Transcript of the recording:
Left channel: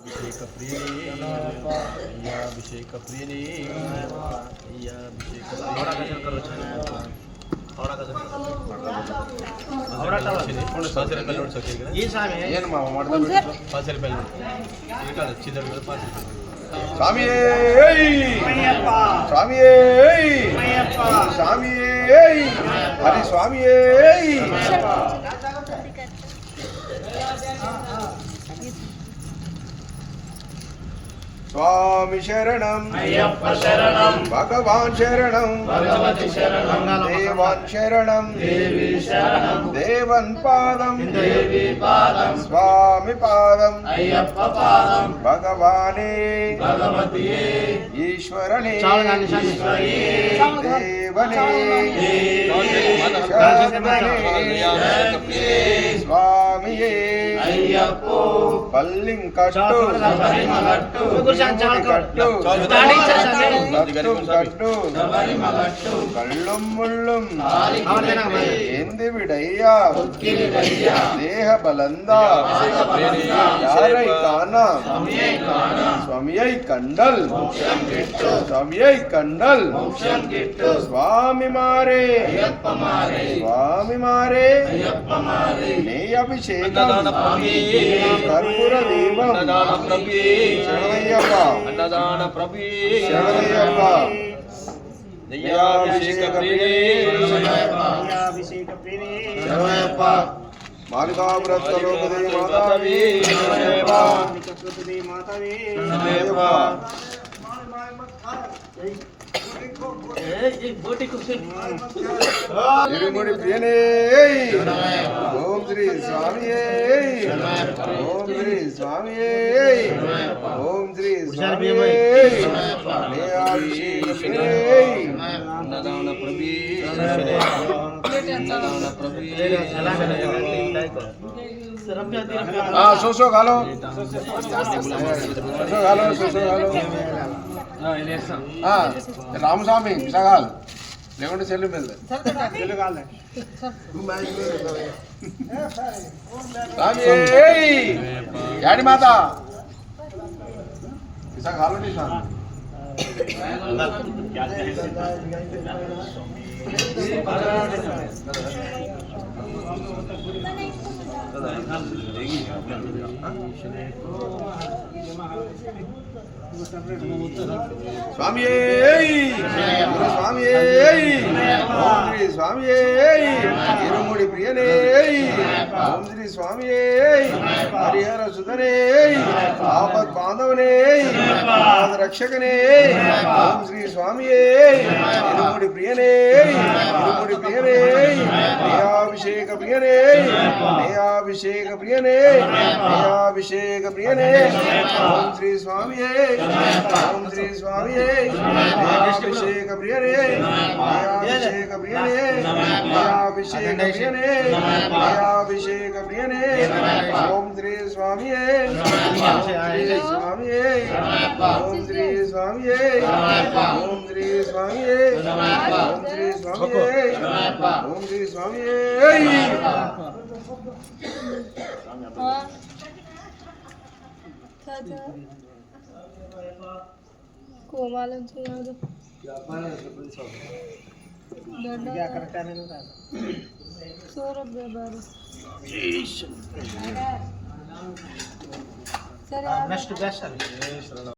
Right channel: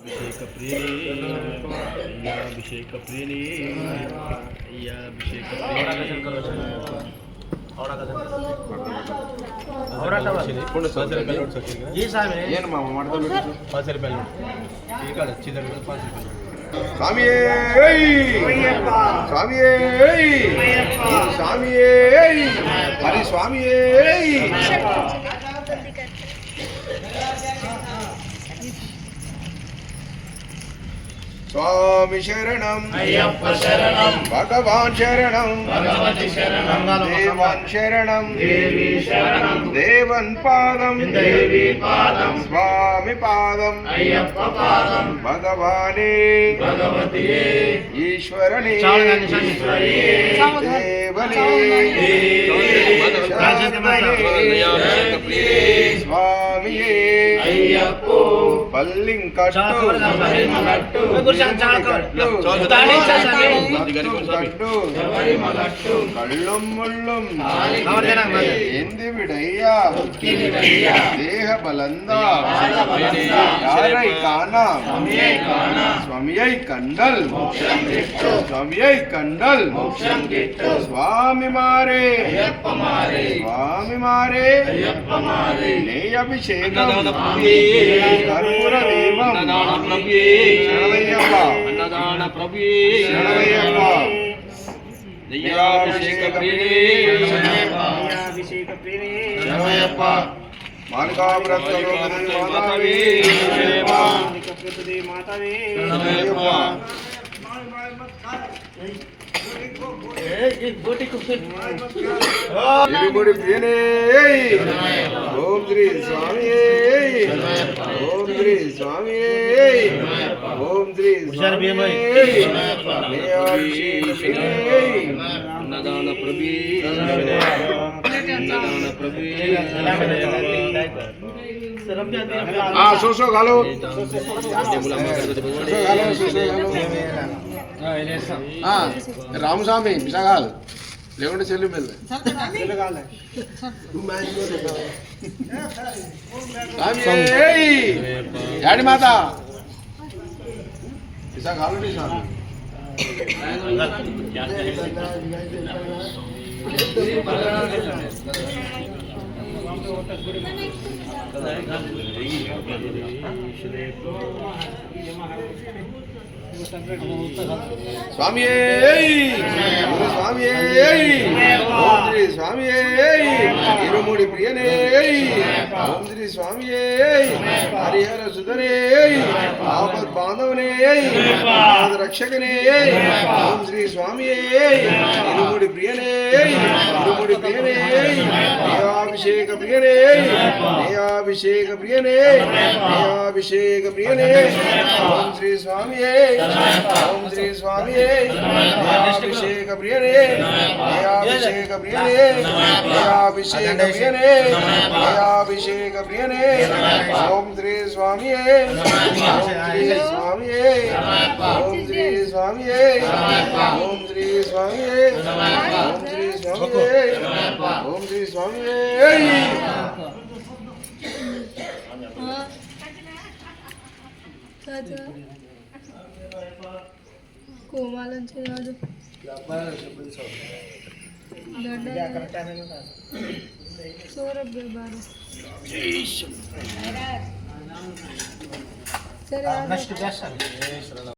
अभिषेक प्रिय अभिषेक प्रिय अभिषेक स्वामी स्वामी स्वामी हरि स्वामी स्वामी शरणं अय्यप्पा शरणं भगवान शरणं भगवती शरणं देवान शरणं देवी शरणं देवन पादं देवी पादं स्वामी पादं अय्यप्पा पादं भगवाने भगवती ईश्वरने ईश्वरी देवने स्वामी अय्यप्पो पल्लिंकट्टु कल्लुम मुल्लुम एंदिविडैया देह बलंदा यारै काना स्वामियै कंडल स्वामियै कंडल स्वामी मारे स्वामी मारे नेय अभिषेकम कर्पूर दीपम शरणय्यप्प अन्नदान प्रभु शरणय्यप्प अभिषेक शरणय्यप्प मानका व्रतलो मातावे मातावे इरुमुडी प्रियने ओम श्री स्वामी ओम श्री स्वामी ओम श्री स्वामी अन्नदान प्रभु अन्नदान प्रभु सोसो घालो रामस्वामी विशाल लेवंटे सेल्लू मिलते यानी माता विशाल घालो नहीं स्वामी स्वामी स्वामी ओम श्री स्वामी इरुमुडी प्रियने ओम श्री स्वामी हरिहर सुधने आपद बांधवने आपद रक्षकने ओम श्री स्वामी इरुमुडी प्रियने अभिषेक प्रियने अभिषेक प्रियने अभिषेक प्रियने ओम श्री स्वामी ओम श्री स्वामी अभिषेक प्रियने अभिषेक प्रियने अभिषेक प्रियने अभिषेक प्रियने ओम श्री स्वामी ओम श्री स्वामी ओम श्री स्वामी ओम श्री स्वामी ओम श्री स्वामी ओम श्री स्वामी కోమాలం చేయదు సరే